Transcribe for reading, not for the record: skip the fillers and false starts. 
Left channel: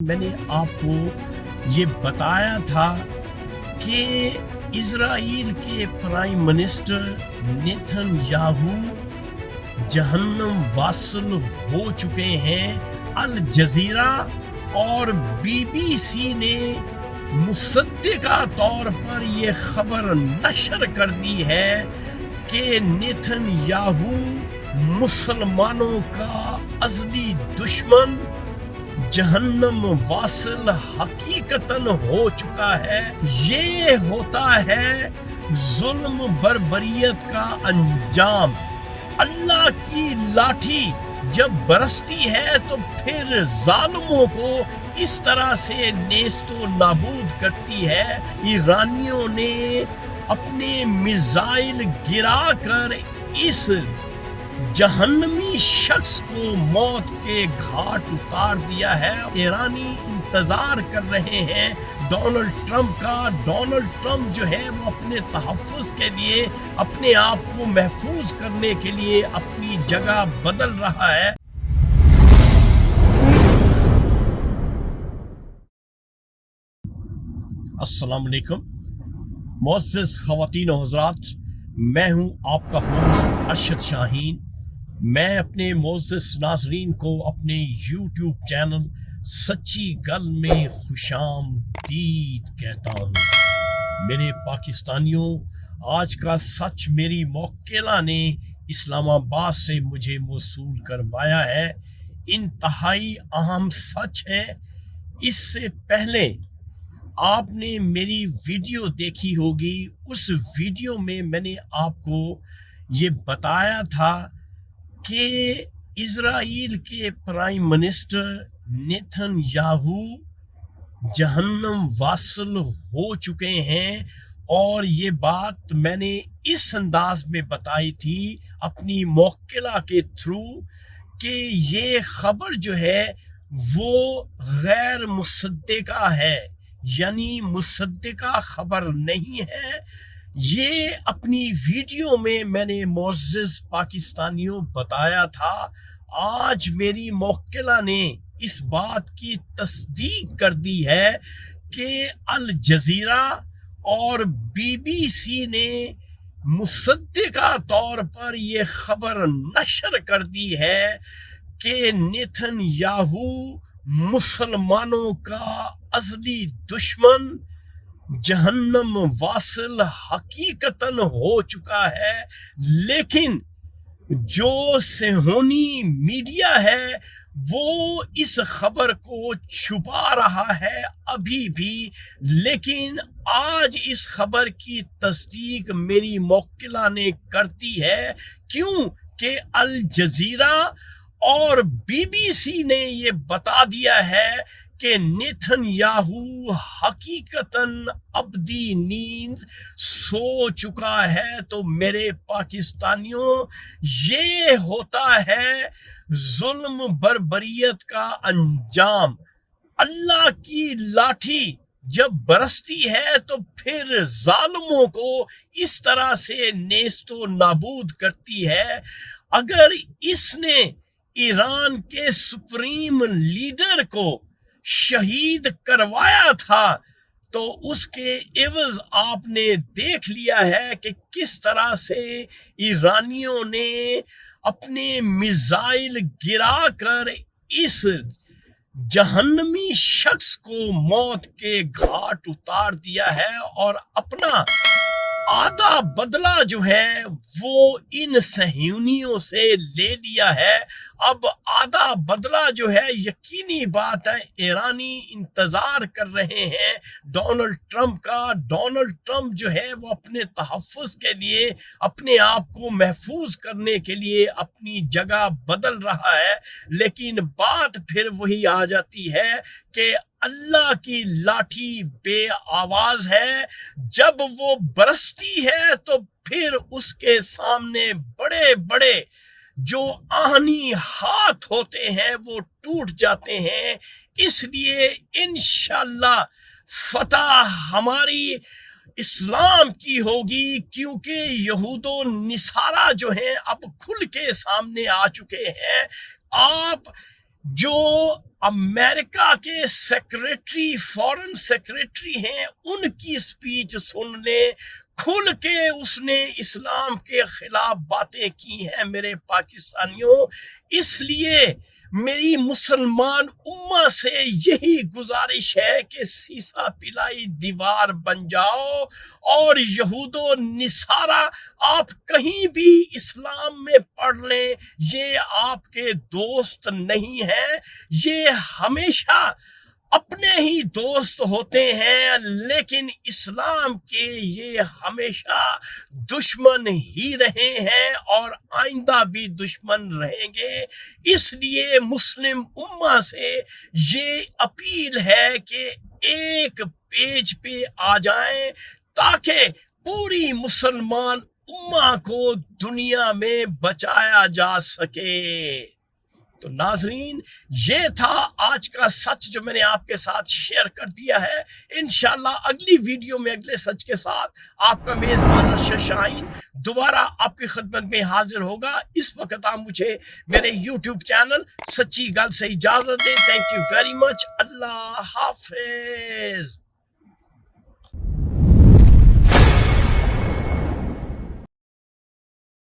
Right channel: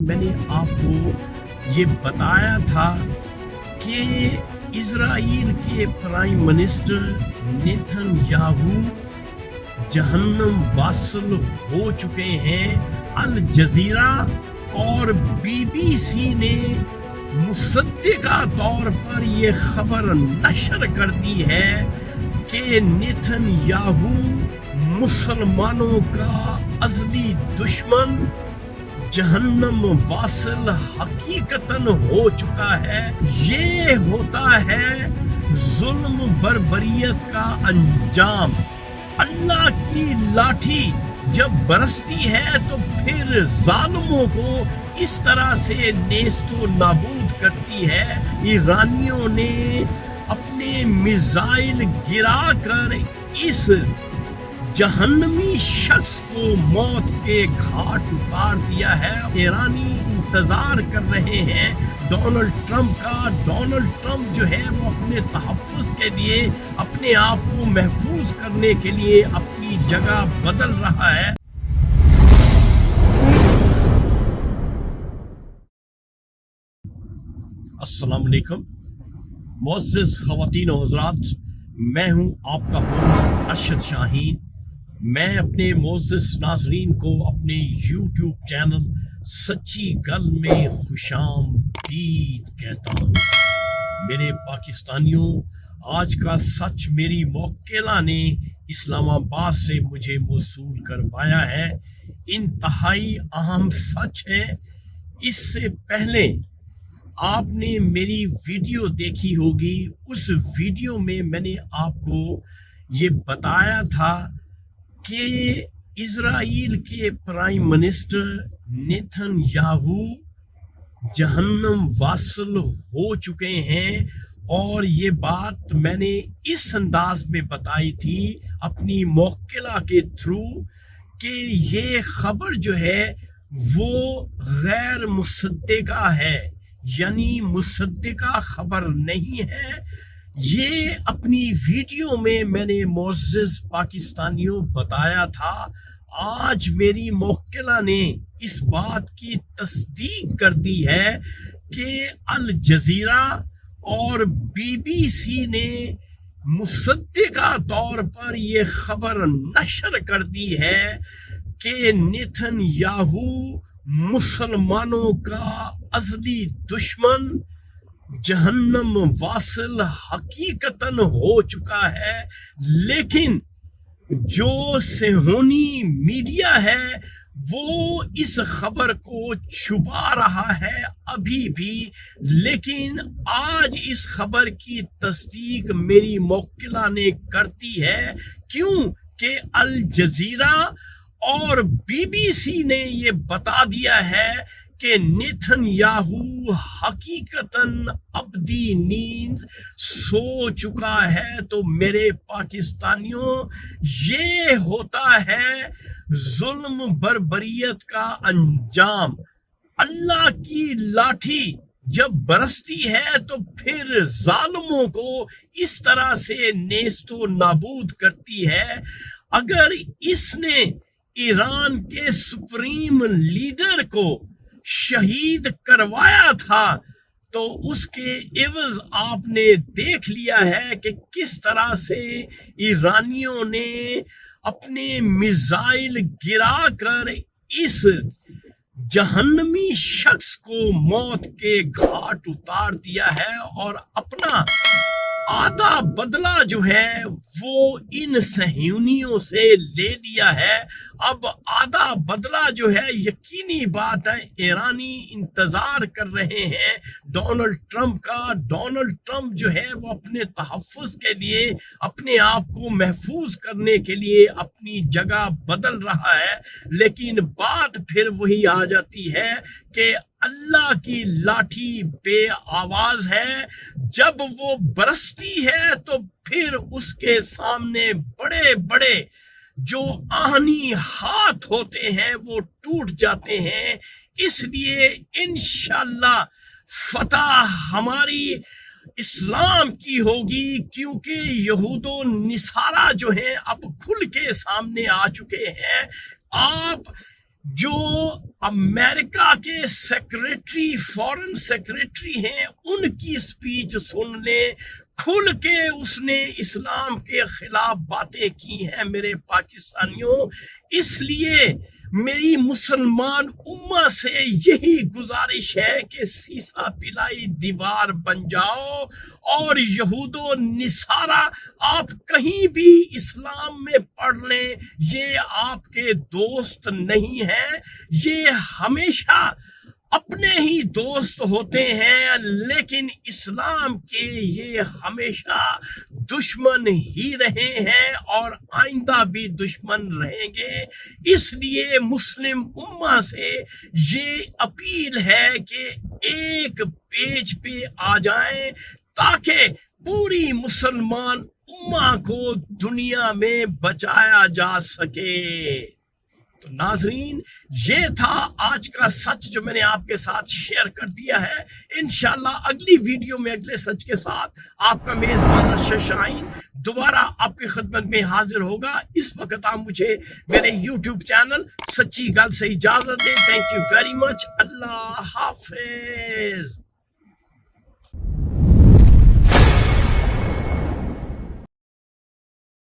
میں نے آپ کو یہ بتایا تھا کہ اسرائیل کے پرائم منسٹر نیتن یاہو جہنم واصل ہو چکے ہیں۔ الجزیرہ اور بی بی سی نے مصدقہ طور پر یہ خبر نشر کر دی ہے کہ نیتن یاہو مسلمانوں کا ازلی دشمن جہنم واصل حقیقتاً ہو چکا ہے۔ یہ ہوتا ہے ظلم بربریت کا انجام۔ اللہ کی لاٹھی جب برستی ہے تو پھر ظالموں کو اس طرح سے نیست و نابود کرتی ہے۔ ایرانیوں نے اپنے میزائل گرا کر اس جہنمی شخص کو موت کے گھاٹ اتار دیا ہے۔ ایرانی انتظار کر رہے ہیں ڈونلڈ ٹرمپ کا۔ ڈونلڈ ٹرمپ جو ہے وہ اپنے تحفظ کے لیے، اپنے آپ کو محفوظ کرنے کے لیے اپنی جگہ بدل رہا ہے۔ السلام علیکم معزز خواتین و حضرات، میں ہوں آپ کا ہوسٹ ارشد شاہین۔ میں اپنے معزز ناظرین کو اپنے یوٹیوب چینل سچی گل میں خوش آمدید کہتا ہوں۔ میرے پاکستانیوں، آج کا سچ میری موکلہ نے اسلام آباد سے مجھے موصول کروایا ہے۔ انتہائی اہم سچ ہے۔ اس سے پہلے آپ نے میری ویڈیو دیکھی ہوگی۔ اس ویڈیو میں میں نے آپ کو یہ بتایا تھا کہ اسرائیل کے پرائم منسٹر نیتن یاہو جہنم واصل ہو چکے ہیں، اور یہ بات میں نے اس انداز میں بتائی تھی اپنی موکلہ کے تھرو کہ یہ خبر جو ہے وہ غیر مصدقہ ہے، یعنی مصدقہ خبر نہیں ہے۔ یہ اپنی ویڈیو میں نے معزز پاکستانیوں بتایا تھا۔ آج میری موکلہ نے اس بات کی تصدیق کر دی ہے کہ الجزیرہ اور بی بی سی نے مصدقہ طور پر یہ خبر نشر کر دی ہے کہ نیتن یاہو مسلمانوں کا ازلی دشمن جہنم واصل حقیقتاً ہو چکا ہے۔ لیکن جو صہیونی میڈیا ہے وہ اس خبر کو چھپا رہا ہے ابھی بھی، لیکن آج اس خبر کی تصدیق میری موکلہ نے کرتی ہے۔ کیوں کہ الجزیرہ اور بی بی سی نے یہ بتا دیا ہے کہ نیتن یاہو حقیقتاً ابدی نیند سو چکا ہے۔ تو میرے پاکستانیوں، یہ ہوتا ہے ظلم بربریت کا انجام۔ اللہ کی لاٹھی جب برستی ہے تو پھر ظالموں کو اس طرح سے نیست و نابود کرتی ہے۔ اگر اس نے ایران کے سپریم لیڈر کو شہید کروایا تھا تو اس کے عوض آپ نے دیکھ لیا ہے کہ کس طرح سے ایرانیوں نے اپنے میزائل گرا کر اس جہنمی شخص کو موت کے گھاٹ اتار دیا ہے، اور اپنا آدھا بدلہ جو ہے وہ ان صہیونیوں سے لے لیا ہے۔ اب آدھا بدلہ جو ہے، یقینی بات ہے ایرانی انتظار کر رہے ہیں ڈونلڈ ٹرمپ کا۔ ڈونلڈ ٹرمپ جو ہے وہ اپنے تحفظ کے لیے، اپنے آپ کو محفوظ کرنے کے لیے اپنی جگہ بدل رہا ہے، لیکن بات پھر وہی آ جاتی ہے کہ اللہ کی لاٹھی بے آواز ہے۔ جب وہ برستی ہے تو پھر اس کے سامنے بڑے بڑے جو آہنی ہاتھ ہوتے ہیں وہ ٹوٹ جاتے ہیں۔ اس لیے انشاءاللہ فتح ہماری اسلام کی ہوگی، کیونکہ یہود و نصارہ جو ہیں اب کھل کے سامنے آ چکے ہیں۔ آپ جو امریکہ کے سیکریٹری فارن سیکریٹری ہیں ان کی سپیچ سن لے، کھل کے اس نے اسلام کے خلاف باتیں کی ہیں میرے پاکستانیوں۔ اس لیے میری مسلمان امہ سے یہی گزارش ہے کہ سیسا پلائی دیوار بن جاؤ، اور یہود و نصارہ آپ کہیں بھی اسلام میں پڑھ لیں، یہ آپ کے دوست نہیں ہیں، یہ ہمیشہ اپنے ہی دوست ہوتے ہیں، لیکن اسلام کے یہ ہمیشہ دشمن ہی رہے ہیں اور آئندہ بھی دشمن رہیں گے۔ اس لیے مسلم امہ سے یہ اپیل ہے کہ ایک پیج پہ آ جائیں تاکہ پوری مسلمان امہ کو دنیا میں بچایا جا سکے۔ تو ناظرین، یہ تھا آج کا سچ جو میں نے آپ کے ساتھ شیئر کر دیا ہے۔ انشاءاللہ اگلی ویڈیو میں اگلے سچ کے ساتھ آپ کا میزبان ارشد شاہین دوبارہ آپ کی خدمت میں حاضر ہوگا۔ اس وقت آپ مجھے میرے یوٹیوب چینل سچی گل سے اجازت دیں۔ Thank you very much. اللہ حافظ۔